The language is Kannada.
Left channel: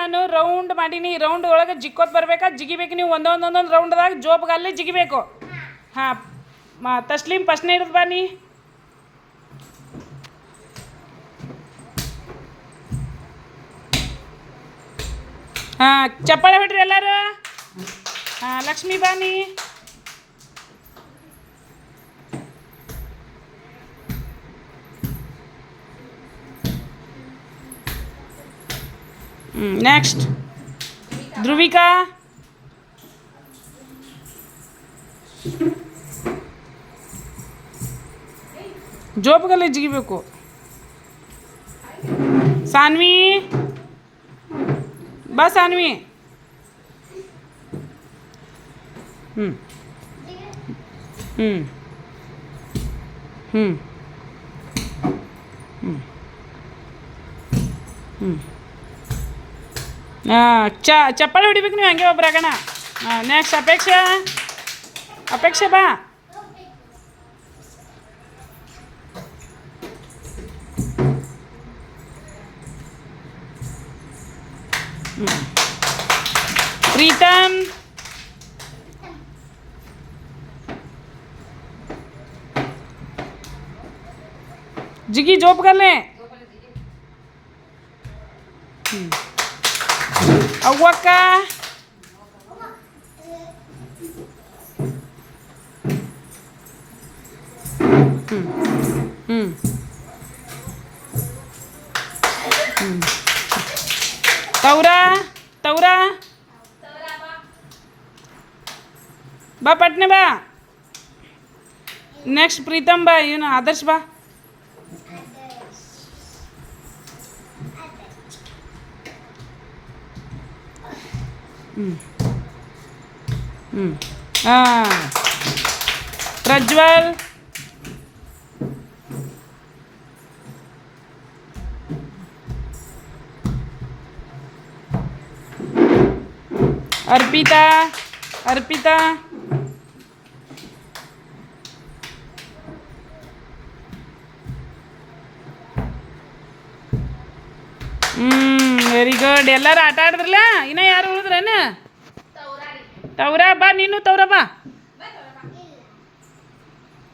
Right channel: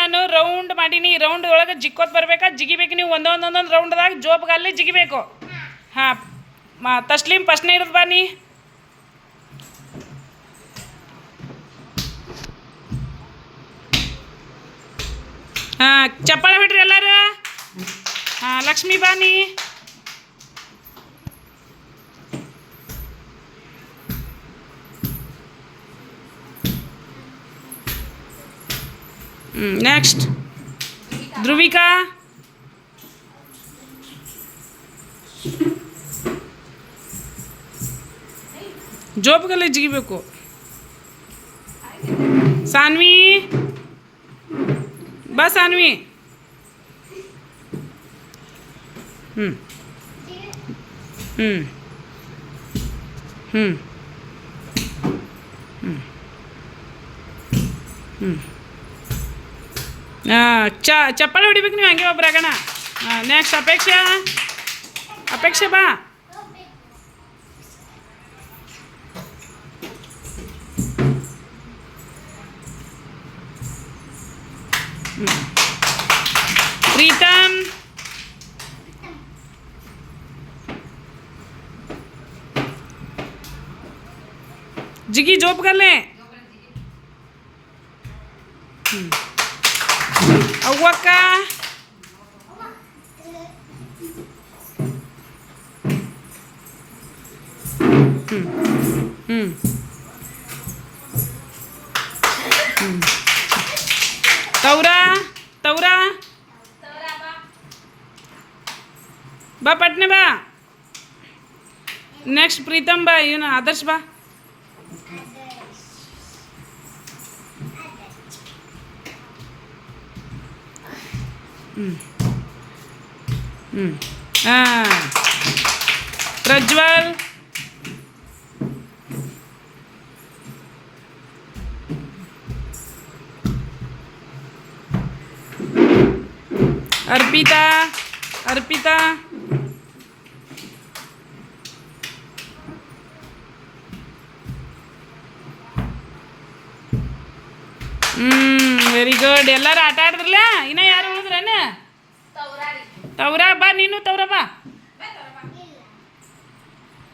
ನಾನು ರೌಂಡ್ ಮಾಡೀನಿ. ರೌಂಡ್ ಒಳಗೆ ಜಿಕ್ಕೋತ್ ಬರ್ಬೇಕಾ, ಜಿಗಿಬೇಕು ನೀವು ಒಂದೊಂದೊಂದೊಂದು ರೌಂಡ್ದಾಗ ಜೋಬ್ಗಲ್ಲಿ ಜಿಗಿಬೇಕು. ಹಾಂ ತಸ್ಲೀಮ್ ಫಸ್ಟ್ನೇ ಇರೋದು ಬಾ ನೀ. ಹಾಂ ಚಪ್ಪಾಳೆ ಹೊಡ್ರಿ ಎಲ್ಲರೂ. ಹಾಂ ಲಕ್ಷ್ಮಿ ಬಾನಿ. ನೆಕ್ಸ್ಟ್ ಧ್ರುವಿಕಾ. ಜೋಬ್ಗಲ್ಲೇ ಜಿಗಿಬೇಕು. ಸಾನ್ವಿ ಬಾ ಸಾನ್ವಿ. ಹ್ಞೂ ಹ್ಞೂ ಹ್ಞೂ ಹ್ಞೂ ಹ್ಞೂ ಚಪ್ಪಾಳೆ ಹೊಡಿಬೇಕು ನೀವು ಹಂಗೆ ಒಬ್ರಾಗಣ. ನೆಕ್ಸ್ಟ್ ಅಪೇಕ್ಷಾ. ಅಪೇಕ್ಷೆ ಬಾ. ಪ್ರೀತಮ್. ಜಿಗಿ ಜೋಬ್ಗಲ್ಲೇ. ಅವ್ವಕ್ಕ. ತೌರಾ. ತೌರಾ ಬಾ ಪಟ್ನೆ ಬಾ. ನೆಕ್ಸ್ಟ್ ಪ್ರೀತಮ್ ಬಾ. ಇವನು ಆದರ್ಶ್ ಬಾ. ಹಾಂ ಪ್ರಜ್ವಲ್. ಅರ್ಪಿತಾ. ಅರ್ಪಿತಾ. Very good. ಎಲ್ಲರೂ ಆಟ ಆಡಿದ್ರಲ್ಲ. ಇನ್ನೂ ಯಾರು ಉಳಿದ್ರೇನು? ತೌರಾ ಬಾ. ನೀನು ತೌರಾ ಬಾ.